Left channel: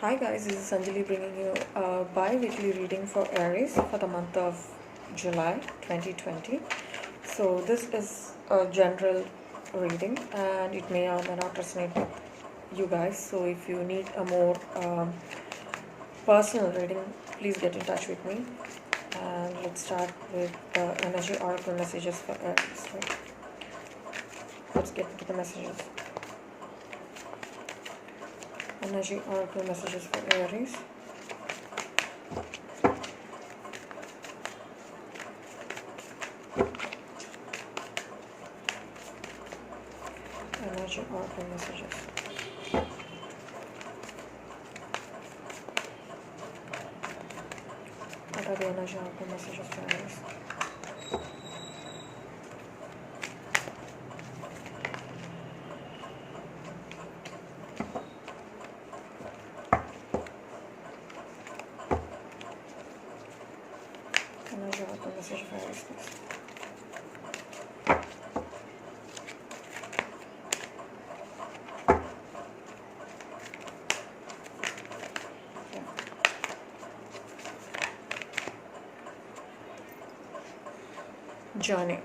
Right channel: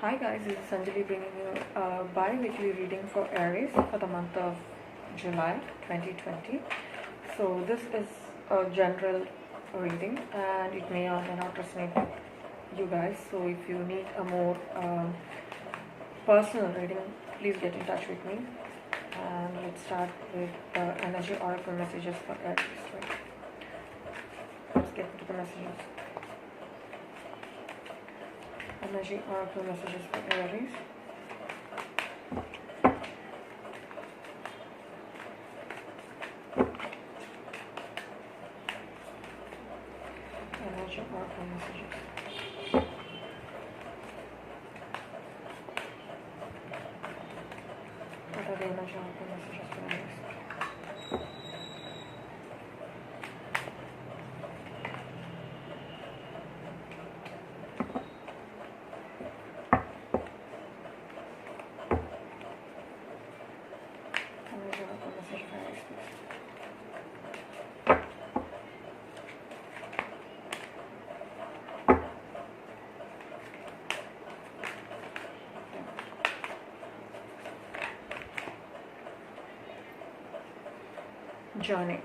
Hi guys, this is Anjali bringing you a bi-weekly reading for Aries for the month of July 2020. So this is a general reading and it may or may not resonate with you guys. So if you need a more personal reading, please get in touch with me. And let's start with the energy oracle messages for Aries. Right? Let's get into the messages. Energy oracle messages for Aries. Energy oracle messages. What are the energy oracle messages for Aries? Energy oracle message for Aries, please. Journey.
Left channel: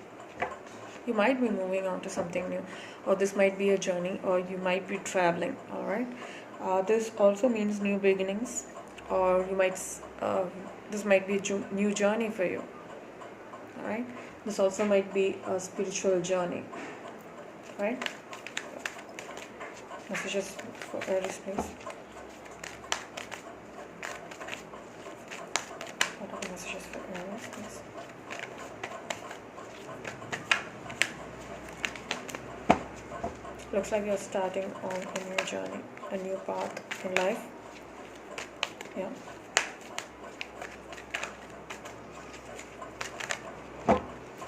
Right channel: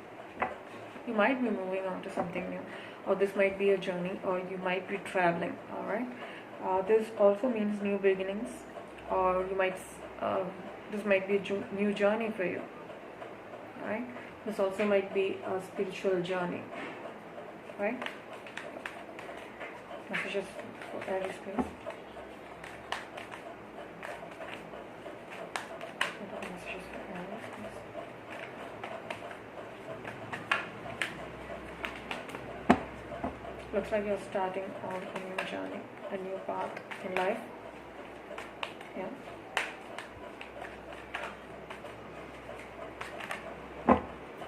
You might be moving on to something new, or this might be a journey, or you might be traveling. All right. This also means new beginnings, or you might. This might be a new journey for you. All right. This also might be a spiritual journey. Right. Messages for Aries, please. What are the messages for Aries, please? Looks like you're starting on a new journey, a new path in life. Yeah.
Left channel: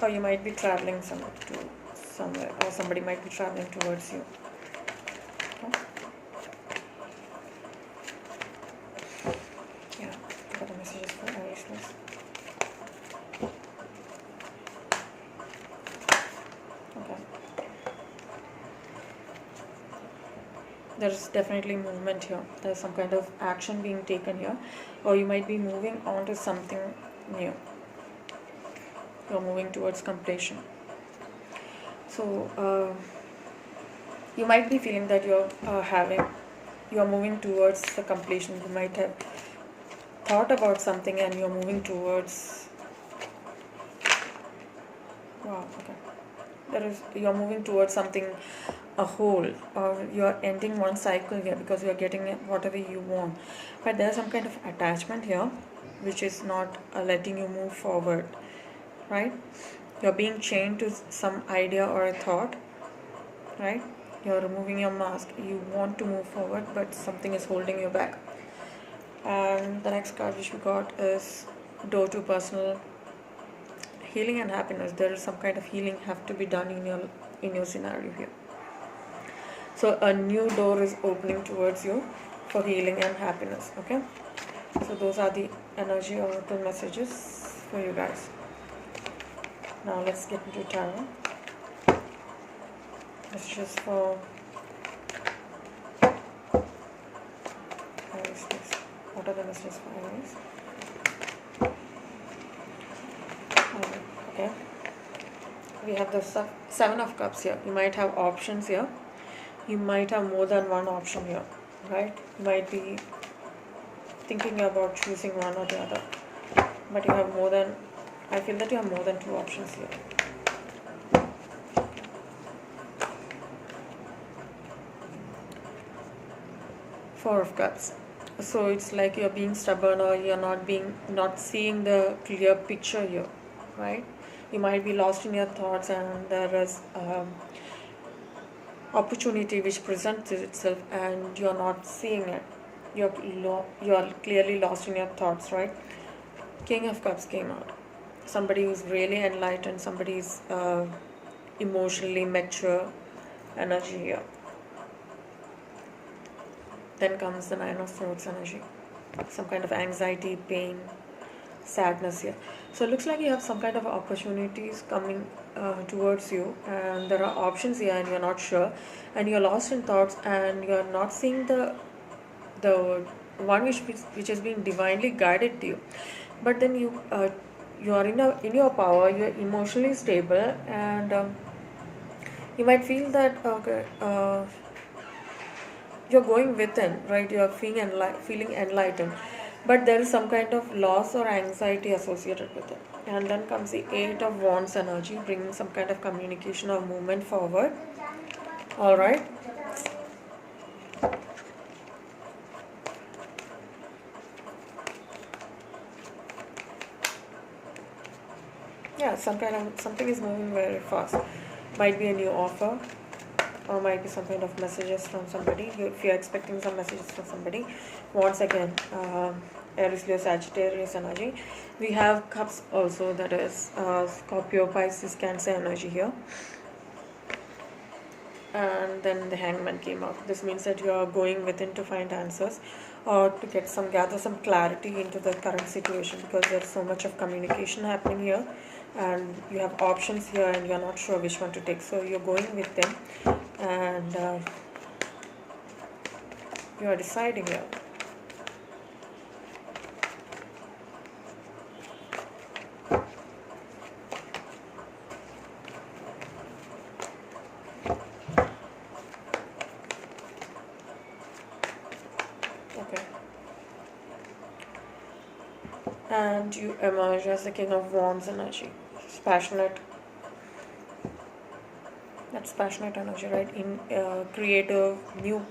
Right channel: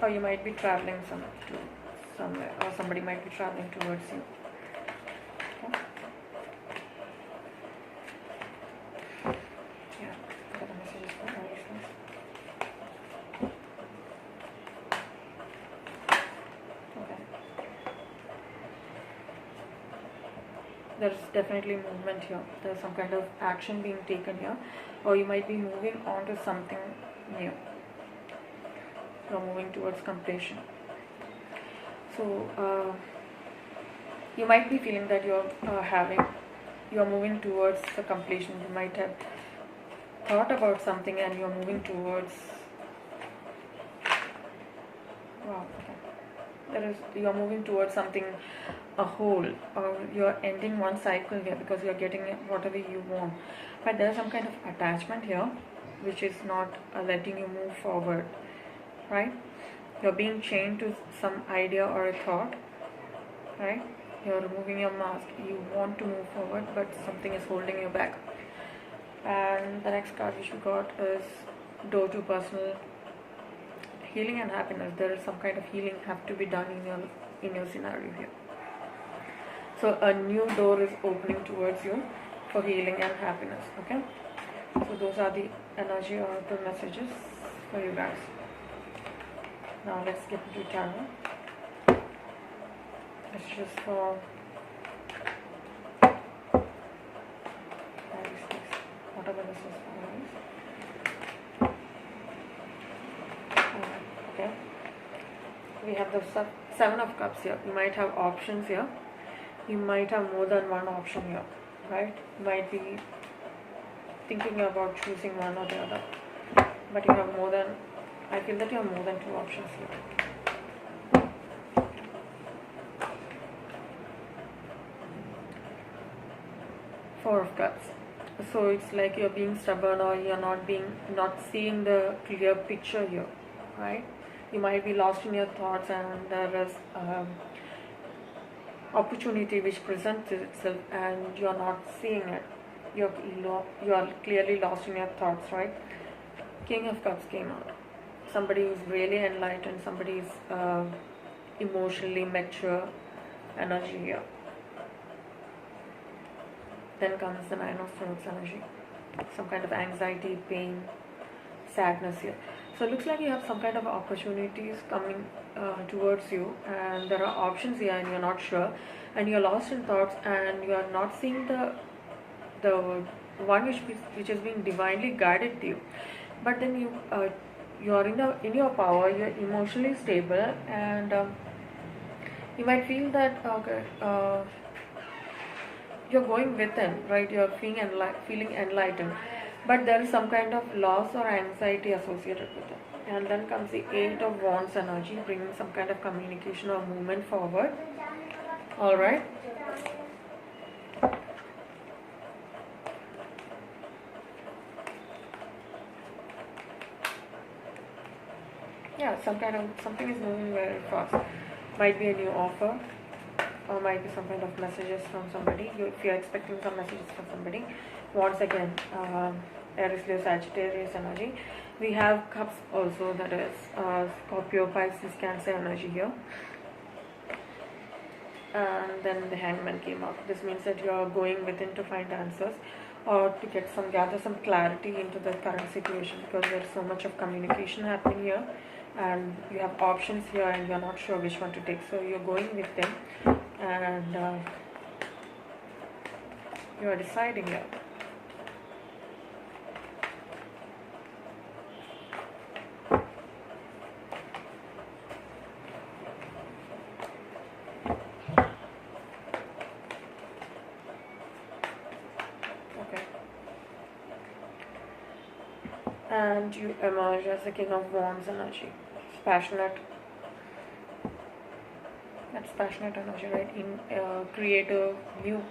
Or you might be traveling somewhere, or somebody might be traveling towards you. Okay. Yeah. What are the messages for Aries, please? Okay. There's definitely movement here. There's some kind of action being taken here, or you might be moving on to something new. You're moving towards completion. So you might be feeling that you're moving towards the completion. You might have thought about something and you're moving towards. Wow. Okay. You're moving towards something, a whole, or you're ending one cycle here because you're getting whatever you want. But there's some kind of attachment here, which is not letting you move forward. Right? You're being chained to some idea or a thought, right? You're removing your mask. You want to move forward, but something is holding you back. And the next card which we got is door to personal healing and happiness. There is some kind of healing have to be done in your scenario here. So a new door is opening towards you for healing and happiness. Okay. So those are the energy oracle messages for you guys. Now let's get into tarot. Messages for Aries, please. What are the messages for Aries? Okay. We have the Seven of Cups here. You might have options here. You might have more than one option here, right? You might be thinking about choosing one or the other. But you have more than, I feel that you have more than two options here. Four of Cups. So it's like you're being stubborn, or you're not seeing the clear picture here, right? You might be lost in your thoughts, and there is opportunity which presents itself and you're not seeing it. You're clearly lost in your thoughts, right? King of Cups came out. Somebody who's really enlightened, somebody who's emotionally mature energy here. Then comes the Nine of Swords energy. Some kind of anxiety, pain, sadness here. So it looks like you have some kind of opportunities coming towards you, and there are options here and you're not sure, and you're lost in thoughts and you're not seeing the one which is being divinely guided to you. But then you're in your power, you're emotionally stable, and you might feel that you're going within, right? You're feeling enlightened, but there is some kind of loss or anxiety associated with it. And then comes the Eight of Wands energy, bringing some kind of communication or movement forward. All right. Yeah, something is moving very fast. Might be a new offer, or might be some kind of messages from somebody. If you're expecting some messages from somebody, once again, Aries, Leo, Sagittarius energy. We have cups also, that is Scorpio, Pisces, Cancer energy here. And then the Hangman came up. This means that you are going within to find answers, or to gather some clarity into the current situation, because there's so much of communication happening here, and you have options here and you're not sure which one to take. So you're going with them, and you're deciding it. Okay. And you emerge as the King of Wands energy. It's passionate. That's passionate energy, right? In creative, new,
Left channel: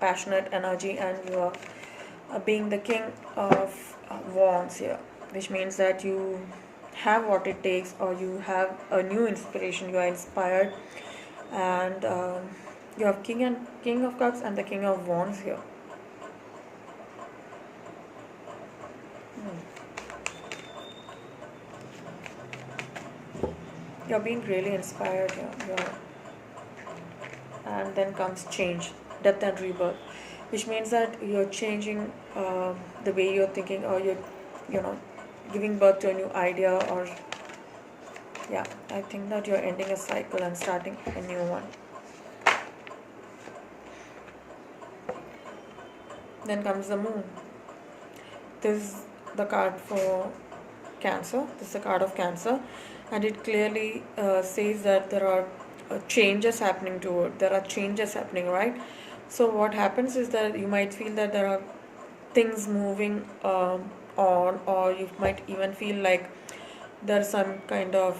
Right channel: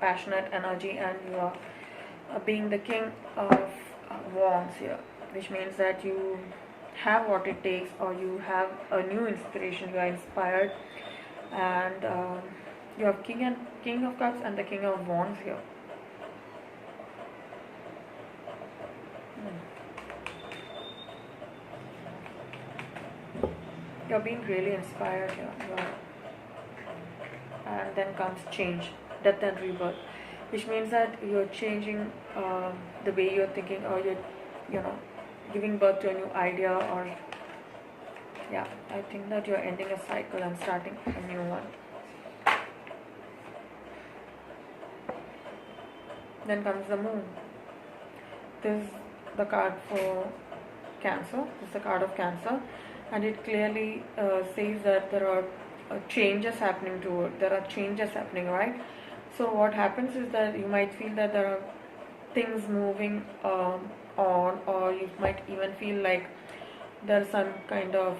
passionate energy, and you are being the King of Wands here, which means that you have what it takes, or you have a new inspiration. You are inspired, and you have King of Cups and the King of Wands here. You're being really inspired here. And then comes change, death and rebirth, which means that you're changing the way you're thinking, or you're giving birth to a new idea, or yeah, I think that you're ending a cycle and starting a new one. Then comes the Moon. This is the card for Cancer. This is the card of Cancer, and it clearly says that there are changes happening to it. There are changes happening, right? So what happens is that you might feel that there are things moving on, or you might even feel like there's some kind of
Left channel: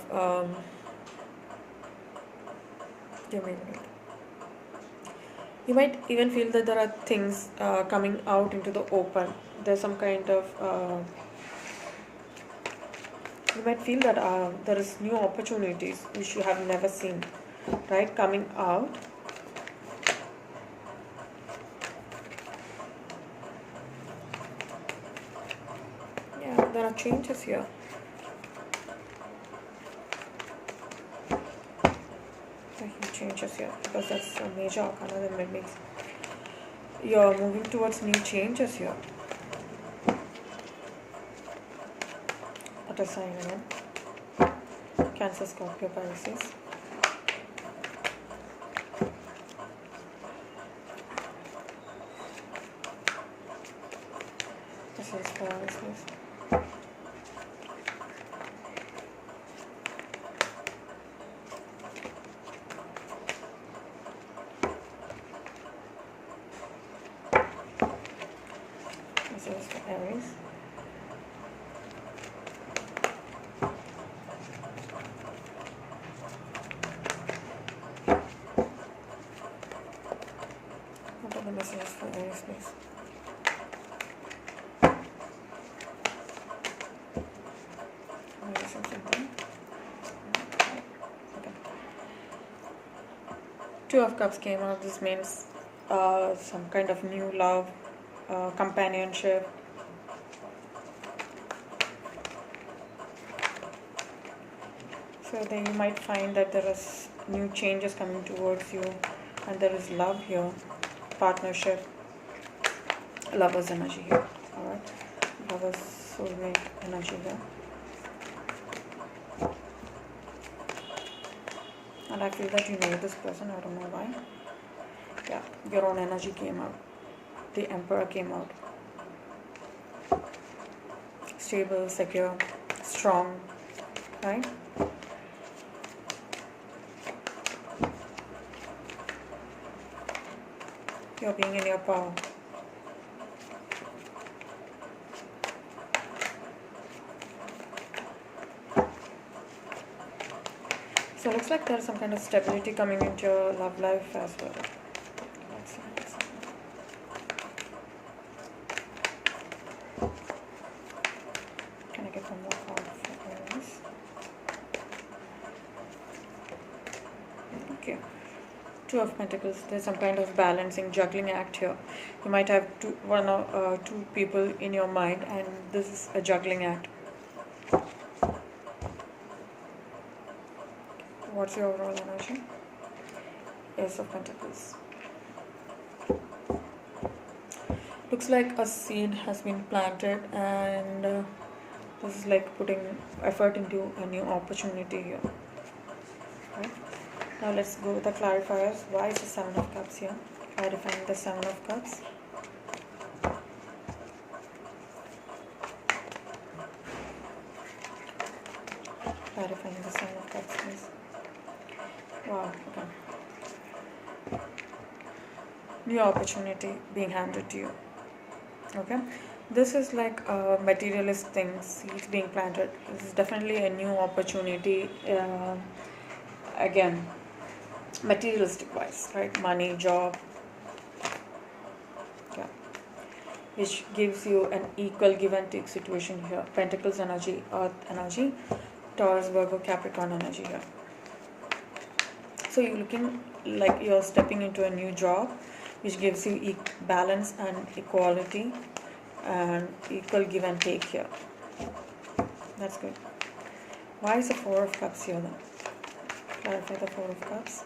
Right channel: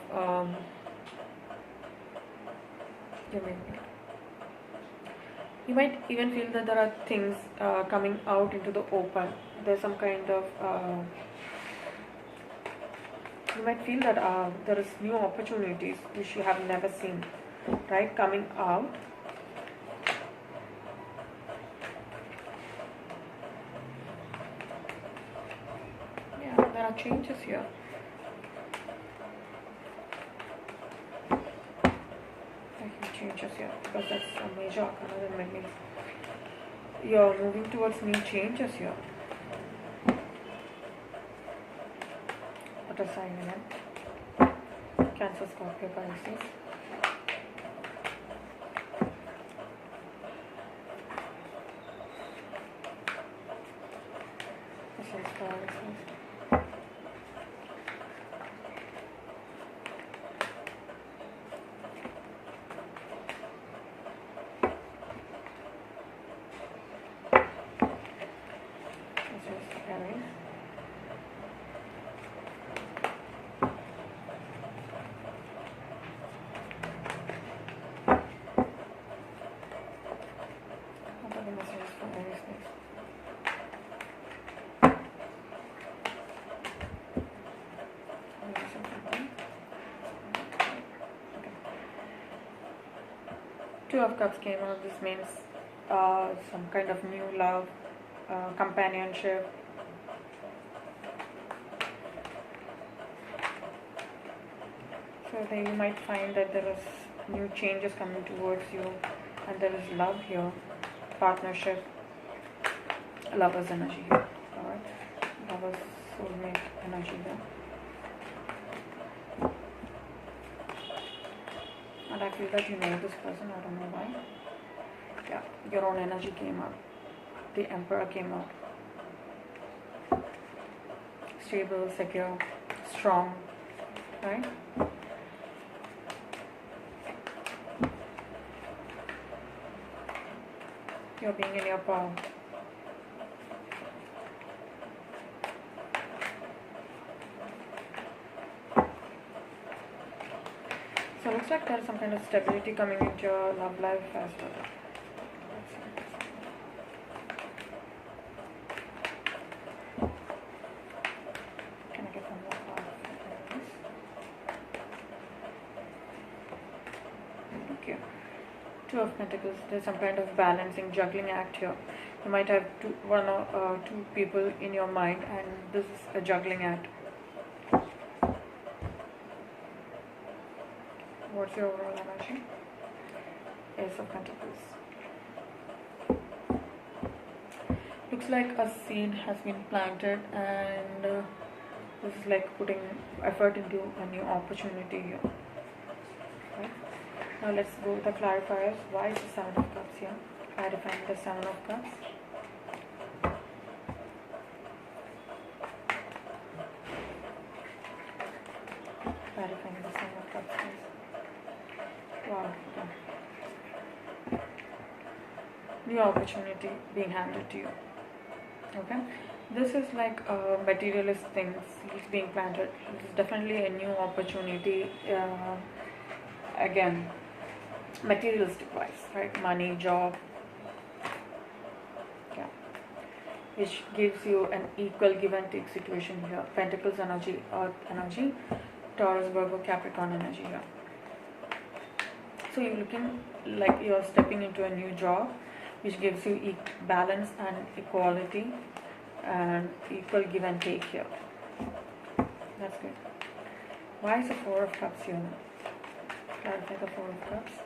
you might even feel that there are things coming out into the open. There's some kind of you might feel that there is new opportunities which you have never seen, right, coming out. Yeah, there are changes here. Changes here, because that's a major arcana. That means you're moving towards new changes here. What a sign again. Cancer, Scorpio, Pisces. This is Aries. Aries. What are the messages for Aries, please? Okay. Two of Cups came out. This means some kind of new love, companionship. So then you might find that there is new changes coming towards you, and there is love here, partnership, lover's energy here. Alright, lover's soulmate energy here. And I feel that you know this person, I don't know why. Yeah, your own energy came out. The Emperor came out. Stable, secure, strong, right? You're being in your power. So it looks like there's some kind of stability coming into your love life as well. Can I get one more card for Aries? Okay. Two of Pentacles. There's some kind of balancing, juggling act here. You might have one or two people in your mind, and this is a juggling act. What's your overall energy? Ace of Pentacles. Looks like a seed has been planted, and this is like putting effort into a new opportunity here. Okay. Now let's go with the clarifiers. Why is the Seven of Cups here? Clarifying the Seven of Cups. Clarifying the Seven of Cups, please. Wow, okay. New opportunity being handed to you. Okay, this is like materialist things, seeds being planted. This is definitely a new opportunity. Again, materialistic wise, right? Money, job, yeah, which gives you an equal give and take situation here. Pentacles energy, Earth energy, Taurus, Virgo, Capricorn energy here. So you're looking like you're stepping into a new job, which gives you balance and equality and equal give and take here. That's good. Why is the Four of Cups here now? Clarify the Four of Cups.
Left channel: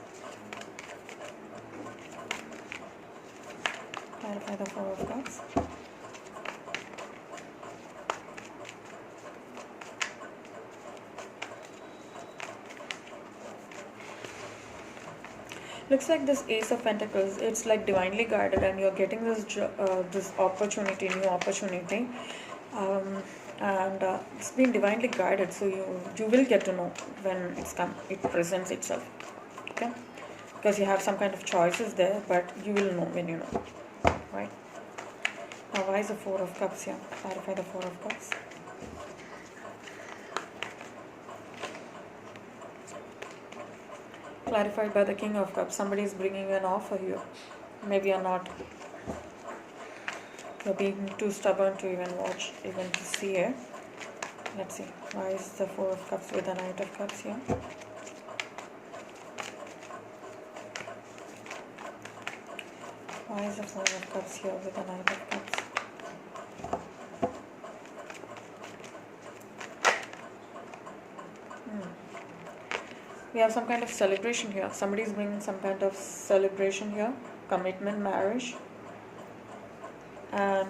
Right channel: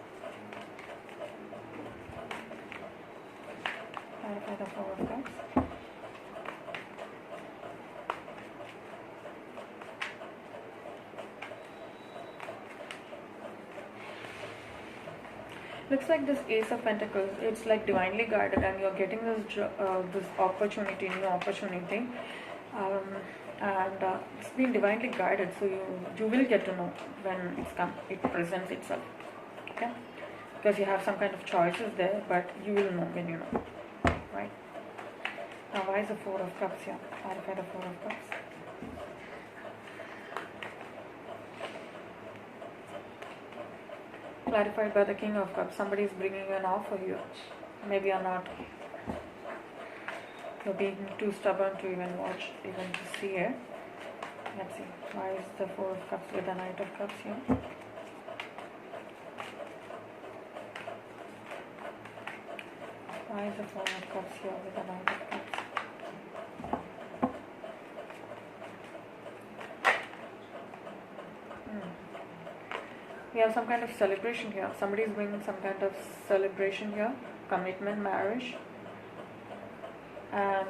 Clarify the Four of Cups. Looks like this Ace of Pentacles, it's like divinely guided, and you're getting this opportunity, new opportunity, and it's been divinely guided. So you will get to know when it presents itself. Okay, because you have some kind of choices there, but you will know when you know, right? Now, why is the Four of Cups here? Clarify the Four of Cups. Clarified by the King of Cups. Somebody is bringing you an offer here. Maybe you're not. You're being too stubborn to even watch, even to see it. Let's see. Why is the Four of Cups with the Knight of Cups here? Why is the Four of Cups here with the Knight of Cups? We have some kind of celebration here. Somebody is bringing some kind of celebration here. Commitment, marriage. And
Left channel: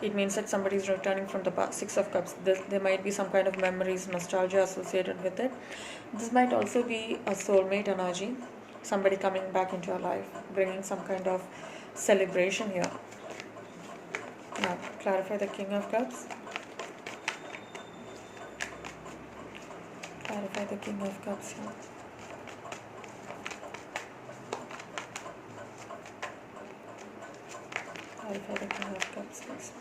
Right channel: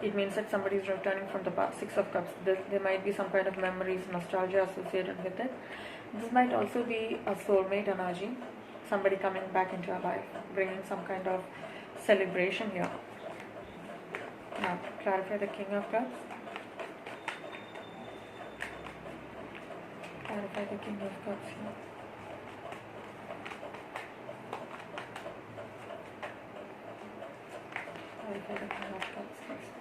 it means that somebody is returning from the past. Six of Cups. There might be some kind of memories, nostalgia associated with it. This might also be a soulmate energy. Somebody coming back into your life, bringing some kind of celebration here. Now, clarify the King of Cups. Clarify the King of Cups here. Clarify the King of Cups, please.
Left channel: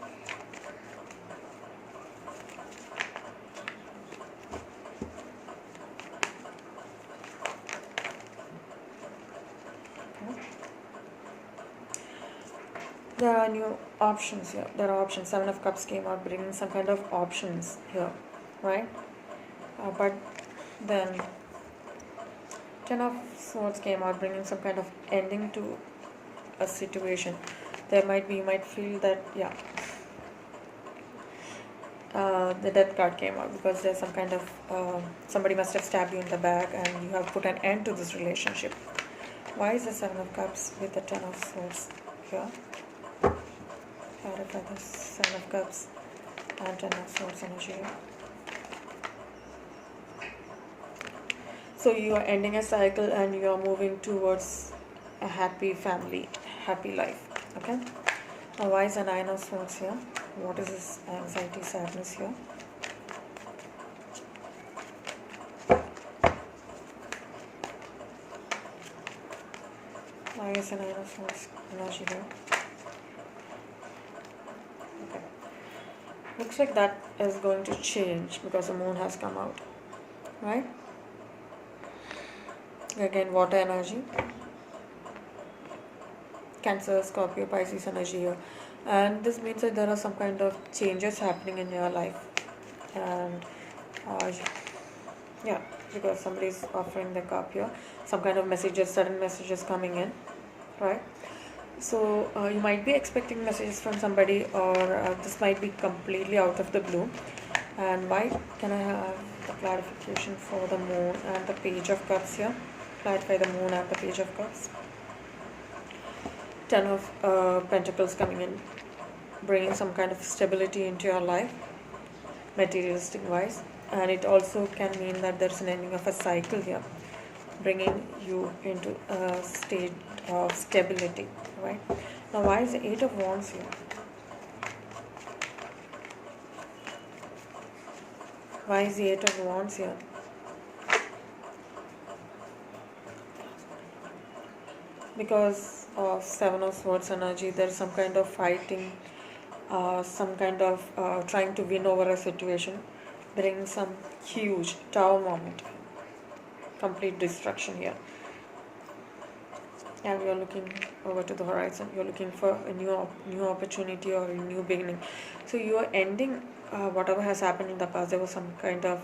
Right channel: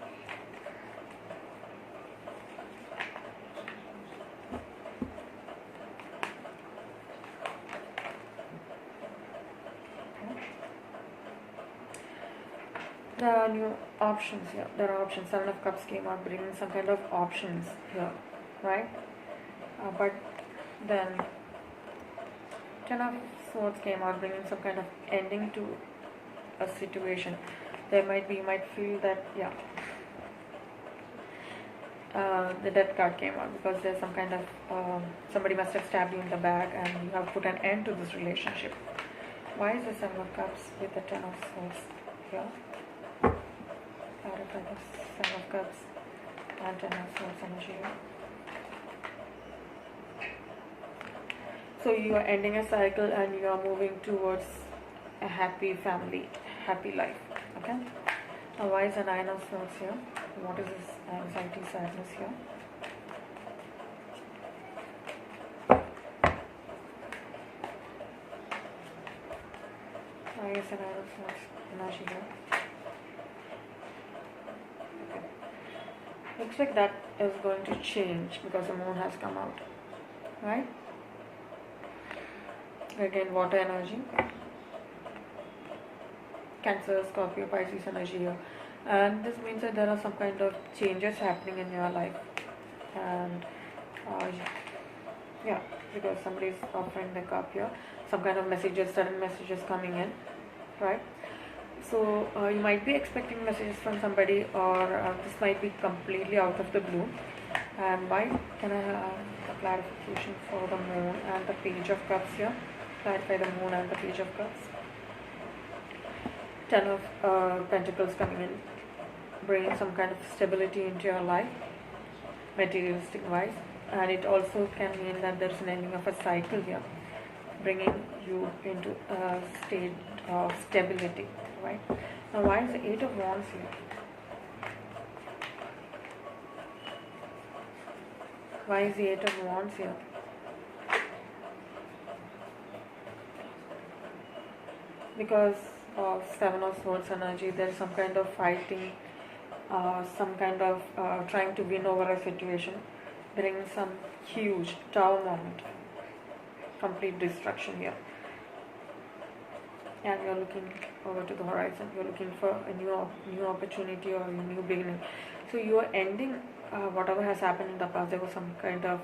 There are new options here. There are options. Seven of Cups came out, bringing some kind of options here, right? But then Ten of Swords came out, bringing some kind of ending to a situation. You might feel that, yeah, the Death card came out because there's some kind of somebody must have stabbed you in the back, and you have put an end to this relationship. Why is the Seven of Cups with the Ten of Swords here? Clarify the Seven of Cups and Ten of Swords energy here. So you are ending a cycle and you are moving towards a happy family, happy life. Okay. Now, why is the Nine of Swords here What is this anxiety, sadness here? I guess an energy here. Okay. Looks like that is going to change because the moon has come out, right? Again, water energy. Cancer, Scorpio, Pisces energy here. And this means that there are some kind of changes happening in your life. And yeah, because somebody is offering the cup here. Some kind of messages, sudden messages coming in, right? So you might be expecting messages from somebody, or this might be completely out of the blue. And why can I have the clarification for the moon and the page of cups here? Clarify the moon and the page of cups. 10 of Pentacles coming in, bringing some kind of stability into your life, materialistic wise. And it also can mean that there's an ending of a cycle here, bringing you into a state of stability, right? Now, why is the 8 of Wands here? Why is the 8 of Wands here? Because of 7 of Swords energy, there is some kind of fighting, some kind of trying to win over a situation, bringing some huge tower moment, complete destruction here. And you're looking over to the horizon, you're looking for a new opportunity or a new beginning. So you're ending whatever has happened in the past. There was some kind of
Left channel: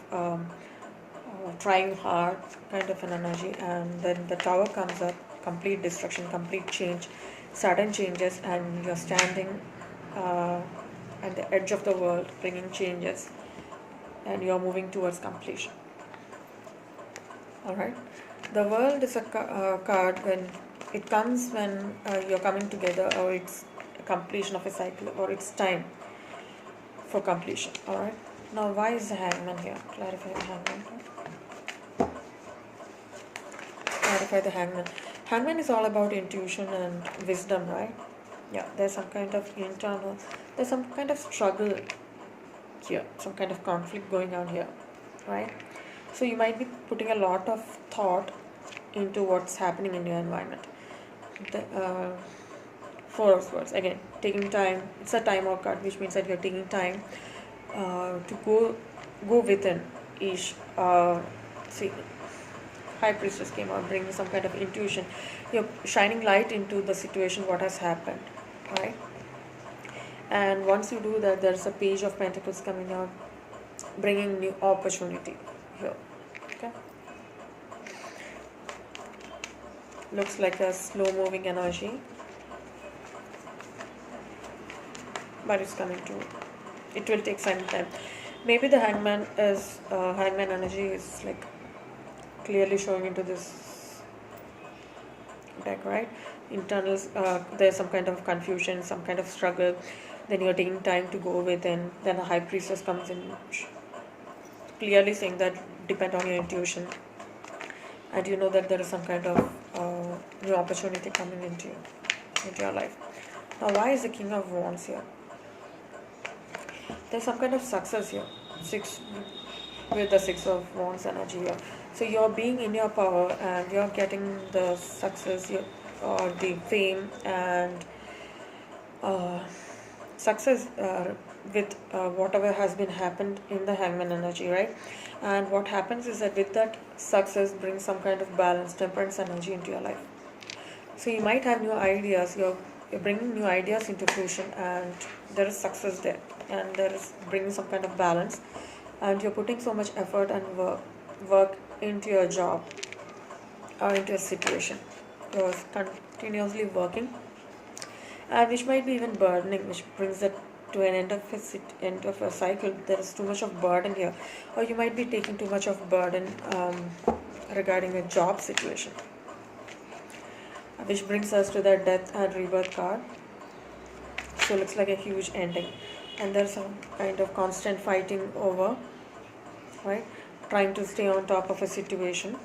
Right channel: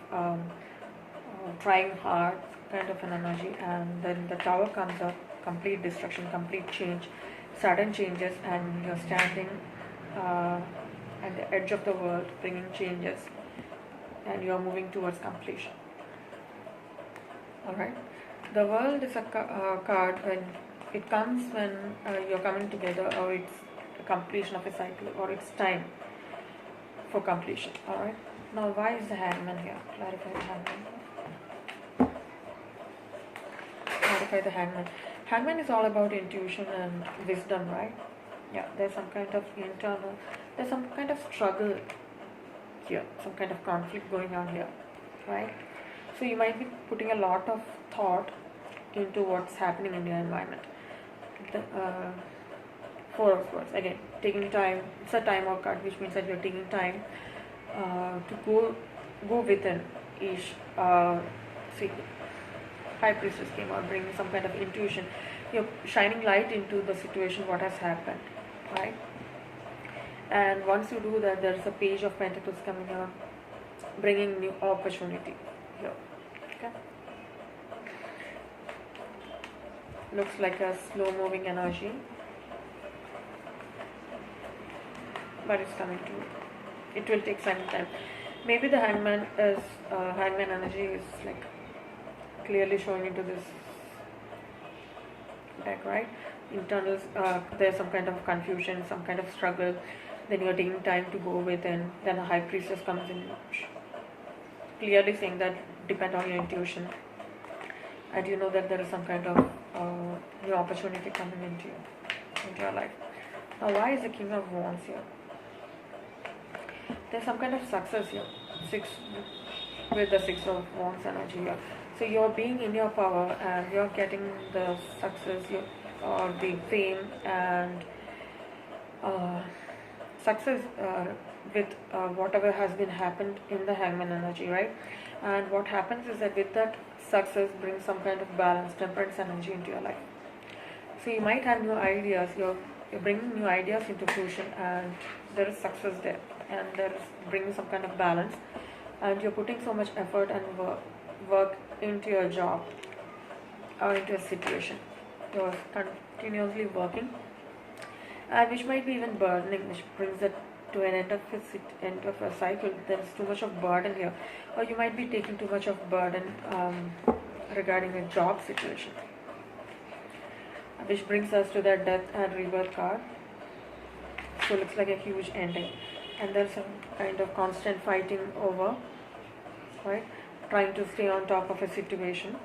trying hard kind of an energy, and then the tower comes up, complete destruction, complete change, sudden changes, and you're standing at the edge of the world, bringing changes, and you're moving towards completion. Alright, the world is a card when it comes when you're coming together, or it's a completion of a cycle, or it's time for completion. Alright, now why is the Hangman here? Clarify the Hangman. Clarify the Hangman. Hangman is all about intuition and wisdom, right? Yeah, there's some kind of there's some kind of struggle here, some kind of conflict going on here, right? So you might be putting a lot of thought into what's happening in your environment. The 4 of Swords, again, taking time. It's a time out card, which means that you're taking time to go within each. See, High Priestess came out, bringing some kind of intuition. You're shining light into the situation, what has happened, right? And once you do that, there's a Page of Pentacles coming out, bringing new opportunity here. Okay, looks like a slow moving energy, but it's coming to, it will take some time. Maybe the Hangman energy is like clearly showing into this deck, right? Internals, there's some kind of confusion, some kind of struggle, then you're taking time to go within. Then a High Priestess comes in, clearly saying that depend on your intuition, and you know that there is some kind of new opportunity coming into your life. Now, why is the King of Wands here? There's some kind of success here, with the 6 of Wands energy here. So you're being in your power, and you're getting the success or the fame and success with whatever has been happened in the Hangman energy, right? And what happens is that with that success brings some kind of balance, temperance energy into your life. So you might have new ideas, you're bringing new ideas into fruition, and there is success there, and there is bringing some kind of balance, and you're putting so much effort and work into your job or into a situation. You're continuously working, and which might be even burdening, which brings it to an end of a cycle. There is too much of burden here, or you might be taking too much of burden regarding a job situation, which brings us to the Death and Rebirth card. So it looks like a huge ending, and there's some kind of constant fighting over, right? Trying to stay on top of a situation.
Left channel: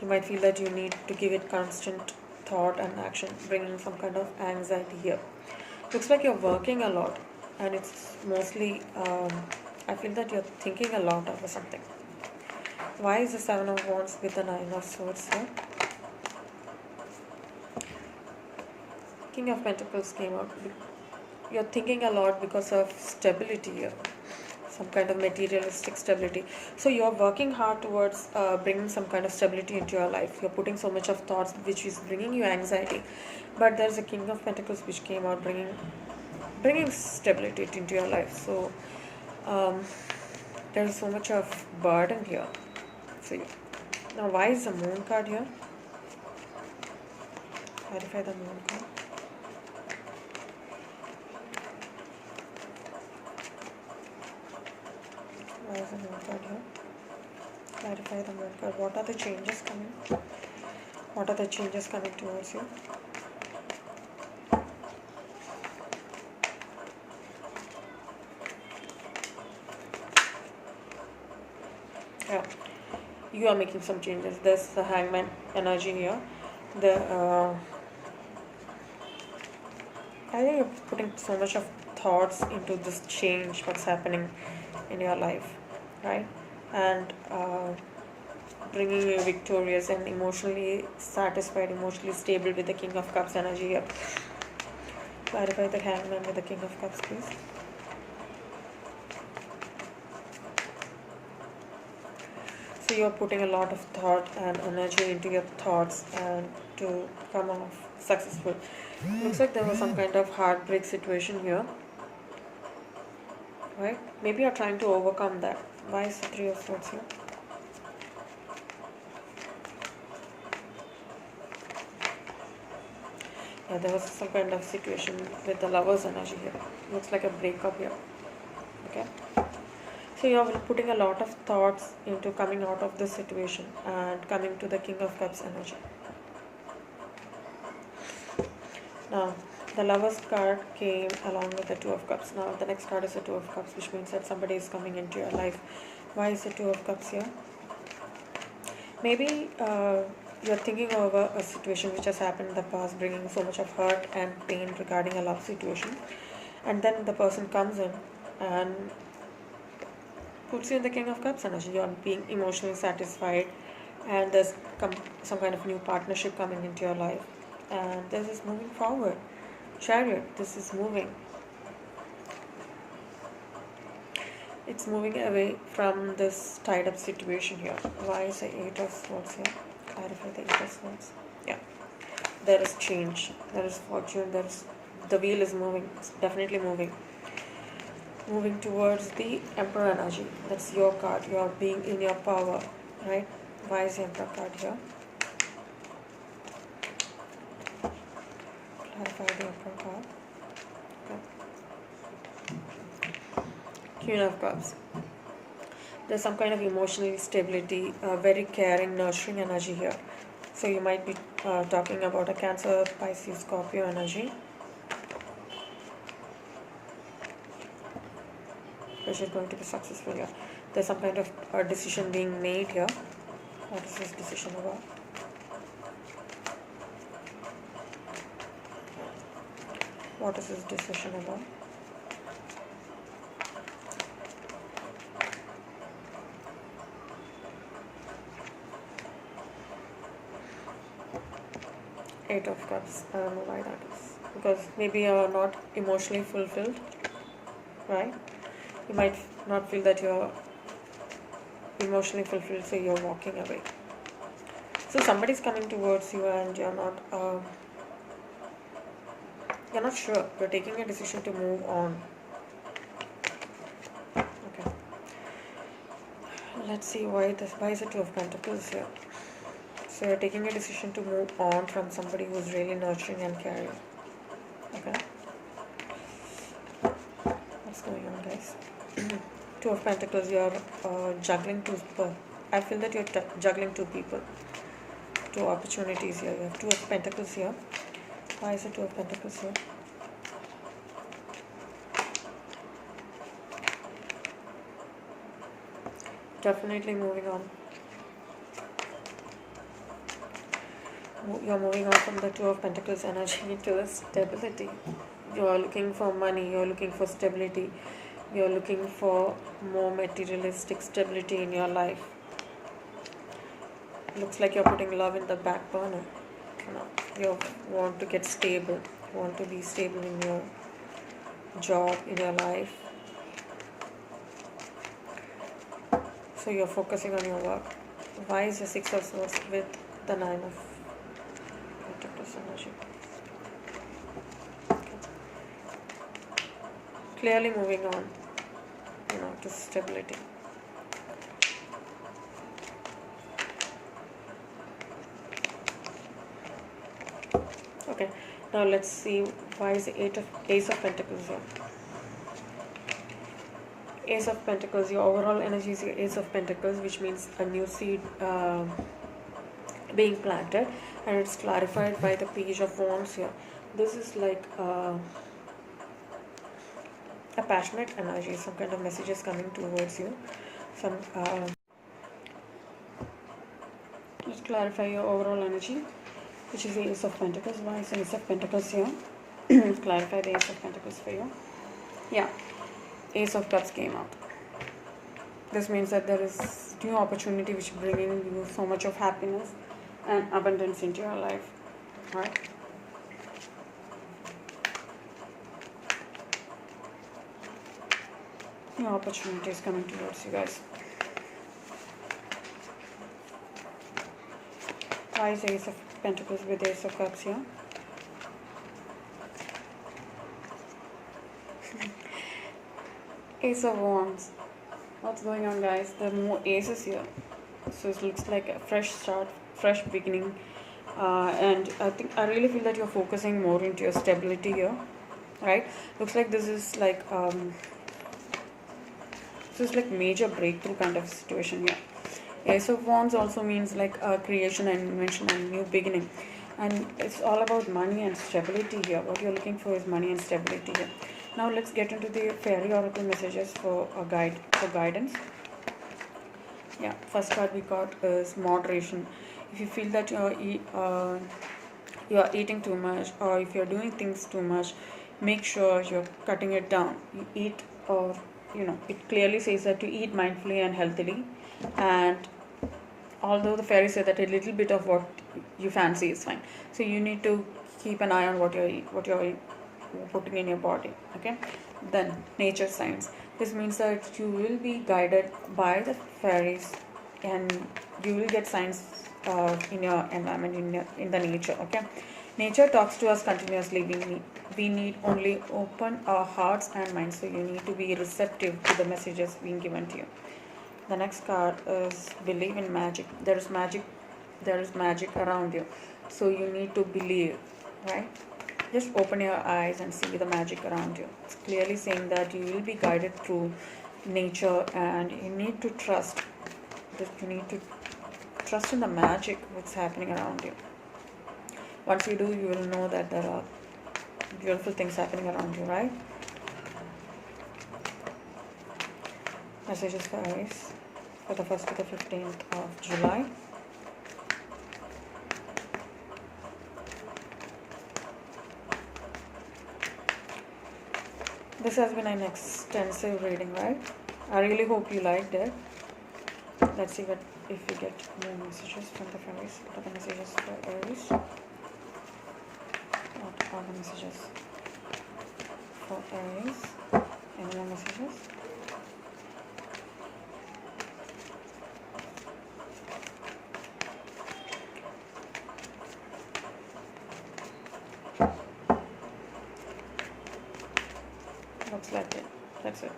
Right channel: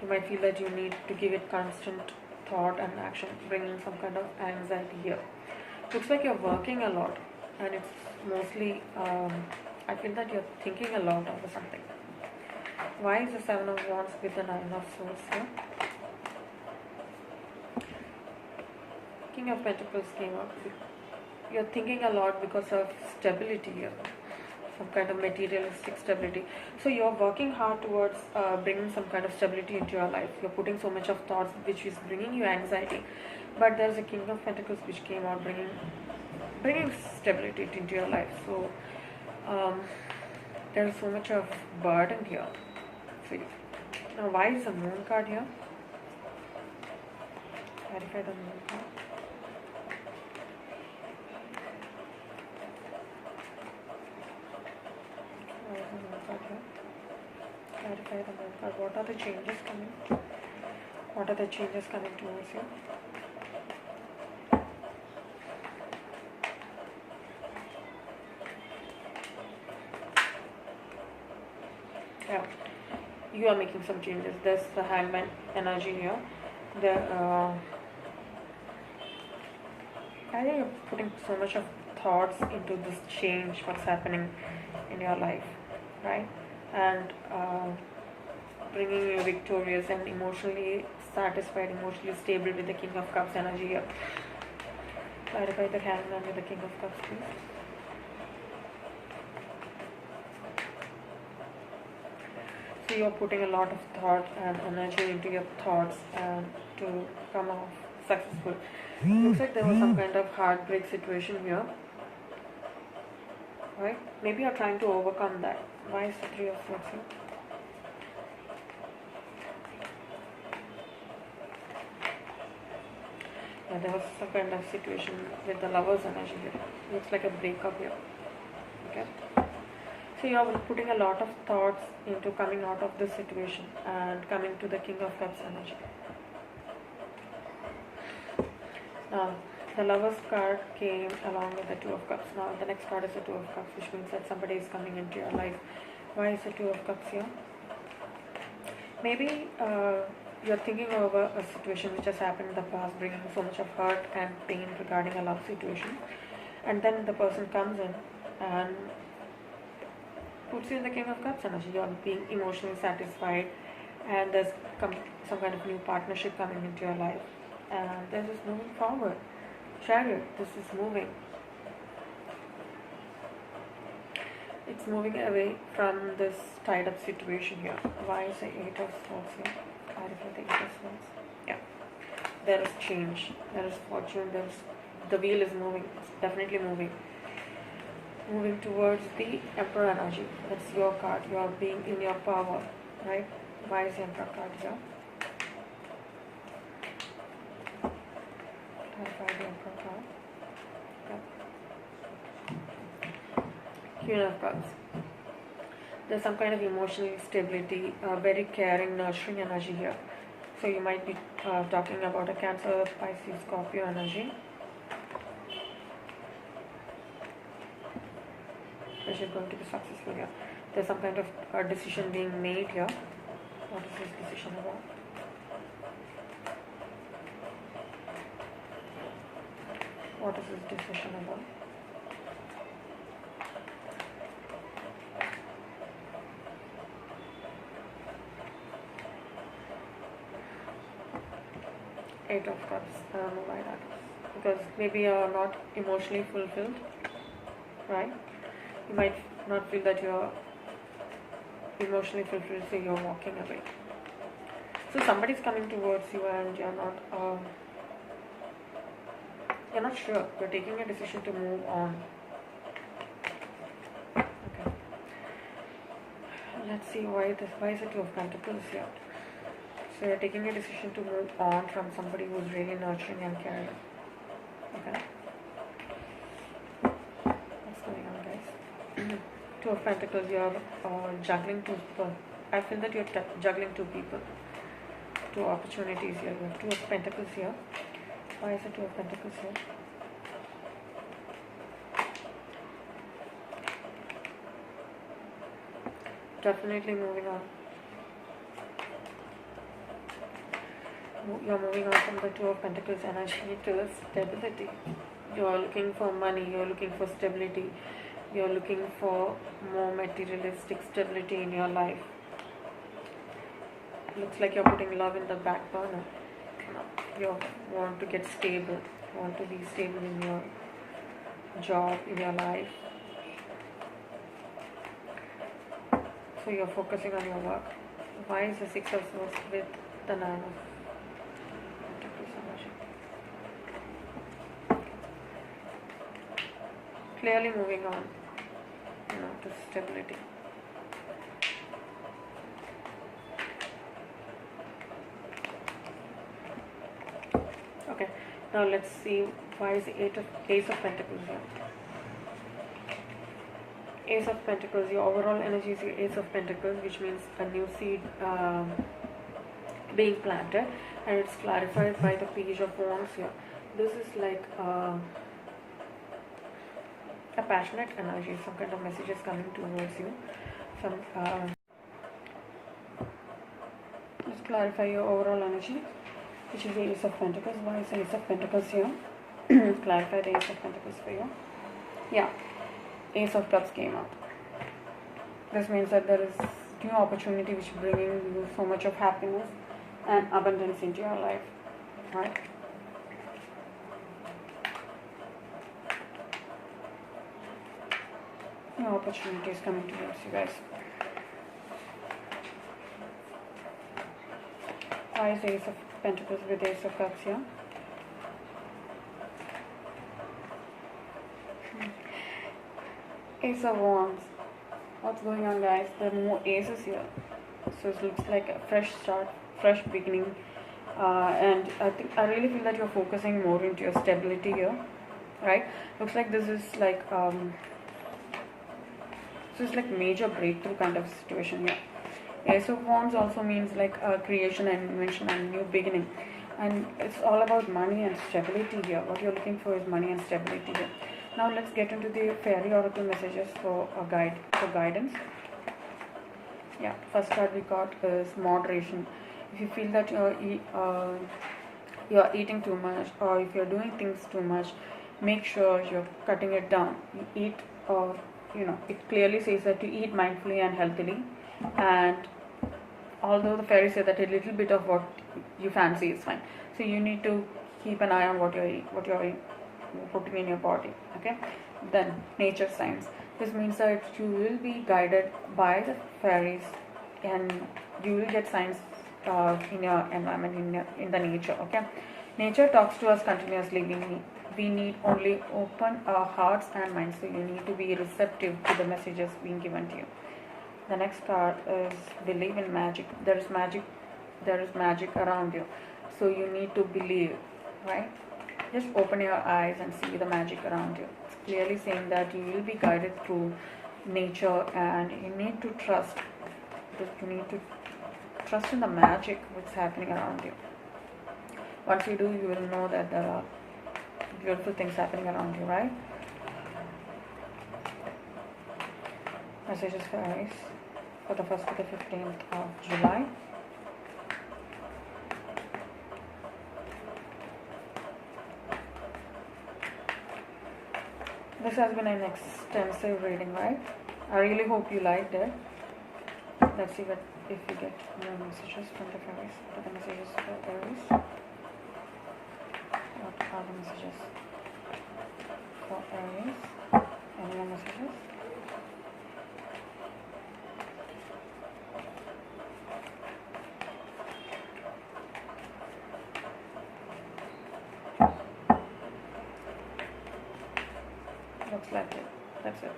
You might feel that you need to give it constant thought and action, bringing some kind of anxiety here. Looks like you're working a lot, and it's mostly, I feel that you're thinking a lot over something. Why is the Seven of Wands with the Nine of Swords here? King of Pentacles came out. You're thinking a lot because of stability here, some kind of materialistic stability. So you're working hard towards bringing some kind of stability into your life. You're putting so much of thoughts which is bringing you anxiety, but there's a King of Pentacles which came out bringing stability into your life. So there's so much of burden here. So now, why is the Moon card here? Clarify the Moon card. Why is the Moon card here? Clarify the Moon card. What are the changes coming? What are the changes coming towards you? Yeah, you are making some changes. There's the Hangman energy here. I think you're putting so much of thoughts into this change, what's happening in your life, right? And bringing you victorious and emotionally satisfied, emotionally stable with the King of Cups energy here. Clarify the Hangman with the King of Cups, please. So you're putting a lot of thought and energy into your thoughts and to come off successful. Looks like there was some kind of heartbreak situation here, right? Maybe you're trying to overcome that. Why is the Three of Swords here? Yeah, there was some kind of situation with the Lover's energy here. Looks like a breakup here. Okay. So you're putting a lot of thoughts into coming out of this situation and coming to the King of Cups energy. Now, the Lover's card came along with the Two of Cups. Now, the next card is the Two of Cups, which means that somebody is coming into your life. Why is the Two of Cups here? Maybe you're thinking over a situation which has happened in the past, bringing so much of hurt and pain regarding a love situation. And then the person comes in and puts you in the King of Cups energy. You're being emotionally satisfied, and there's some kind of new partnership coming into your life. And this is moving forward. Chariot, this is moving. It's moving away from this tied up situation here. Why is the Eight of Swords here? Clarify the Eight of Swords. Yeah. There is change. There is fortune. The wheel is moving. It's definitely moving. Moving towards the Emperor energy. That's your card. You're being in your power, right? Why is the Emperor card here? Clarify the Emperor card. Okay. Queen of Cups. There's some kind of emotional stability, very caring, nurturing energy here. So you might be talking about a Cancer, Pisces, Scorpio energy, which is going to be successful here. There's some kind of decision being made here. What is this decision about? What is this decision about? Eight of Cups. I don't know why that is. Because maybe you're not emotionally fulfilled, right? You might not feel that you're emotionally fulfilled, so you're walking away. So somebody's coming towards you and you're not sure. You're taking a decision to move on. Okay. Let's see why is the Two of Pentacles here? So you're taking a decision to move on from somebody who's really nurturing and caring. Okay. What's going on, guys? Two of Pentacles, you're juggling two people. I feel that you're juggling two people. Two opportunities here. You have Two of Pentacles here. Why is the Two of Pentacles here? Definitely moving on. You're moving on from the Two of Pentacles energy to the stability. You are looking for money, you are looking for stability, you are looking for more materialistic stability in your life. Looks like you're putting love in the back burner. You want to get stable, you want to be stable in your job, in your life. So you're focusing on your work. Why is the Six of Swords with the Nine of Pentacles energy? Clearly moving on, to stability. Okay, now let's see why is the Ace of Pentacles here. Ace of Pentacles, your overall energy is your Ace of Pentacles, which means a new seed being planted, and it's clarified by the Page of Wands here. This is like a passionate energy, some kind of messages coming towards you. Let's clarify your overall energy, which is the Ace of Pentacles. Why is the Ace of Pentacles here? Clarify the Ace of Pentacles for you. Yeah, Ace of Cups came out. This means that there is new opportunity which is bringing you so much of happiness and abundance into your life, right? New opportunities coming towards you guys. Why is Ace of Pentacles with Ace of Cups here? Ace of Wands. What's going on, guys? There are more aces here. So it looks like a fresh start, fresh beginning. And I really feel that you're focusing more into your stability here, right? Looks like this is like major breakthrough kind of situation here. Ace of Wands also means like creation and invention and new beginning, and it's all about money and stability here. What you're looking for is money and stability here. Now let's get into the fairy oracle messages for guidance. Yeah, first card we got is moderation. If you feel that you're eating too much, or if you're doing things too much, make sure you're cutting it down. You eat, or it clearly says that to eat mindfully and healthily. And although the fairies say that a little bit of what you fancy is fine, so you need to keep an eye on what you're putting in your body. Okay, then nature signs. This means that you will be guided by the fairies, and you will get signs in your environment, in the nature. Okay, nature talks to us continuously. We need only open our hearts and minds. So you need to be receptive to the messages being given to you. The next card is believe in magic. There is magic around you, so you need to believe, right? Just open your eyes and see the magic around you. It's clearly saying that you will be guided through nature, and you need to trust. You need to trust in the magic that's happening around you. Once you do, you will know that there are beautiful things happening around you, right? Messages for Aries for the 1st to the 15th of July. This has been an extensive reading, right? I really hope you liked it. Let's see if we get more messages from the fairies. What are the messages for Aries? What are the messages for Aries? Any more messages? Looks like it. That's it.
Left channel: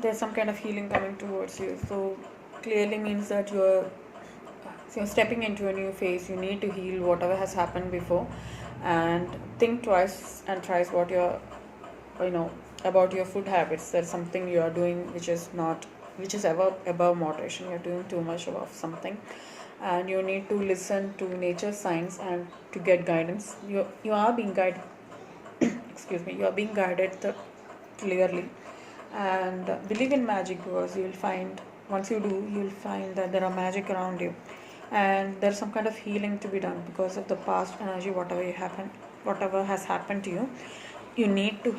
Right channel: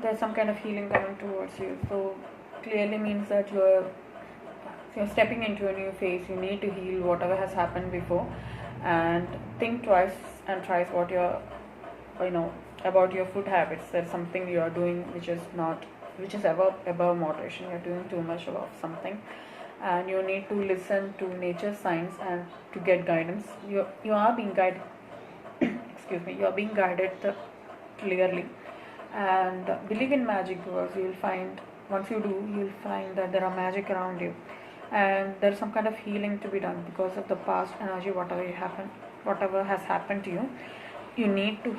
There's some kind of healing coming towards you. So clearly means that you're stepping into a new phase. You need to heal whatever has happened before, and think twice and thrice what you're, about your food habits. There's something you are doing which is above moderation. You're doing too much of something, and you need to listen to nature signs and to get guidance. You are being guided. Excuse me. You are being guided clearly, and believe in magic, because you'll find, once you do, you'll find that there are magic around you. and there's some kind of healing to be done because of the past energy, whatever has happened to you. You need to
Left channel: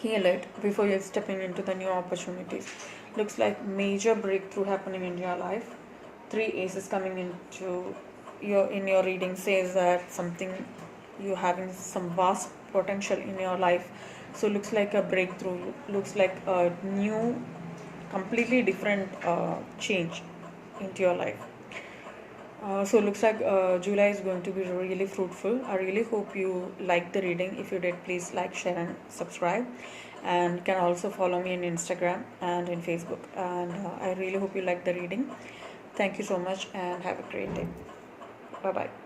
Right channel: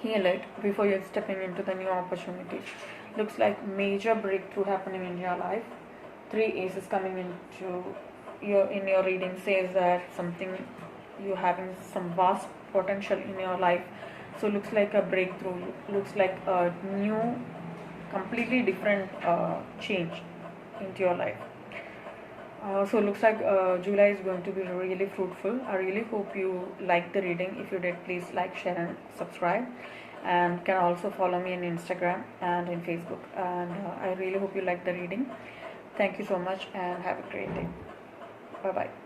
heal it before you're stepping into the new opportunities. Looks like major breakthrough happening in your life. Three aces coming into your reading says that something, you're having some vast potential in your life. So looks like a breakthrough, looks like a new, completely different change into your life. So looks like July is going to be really fruitful. I really hope you like the reading. If you did, please like, share and subscribe. And you can also follow me on Instagram and in Facebook. And I really hope you like the reading. Thank you so much and have a great day. Bye bye.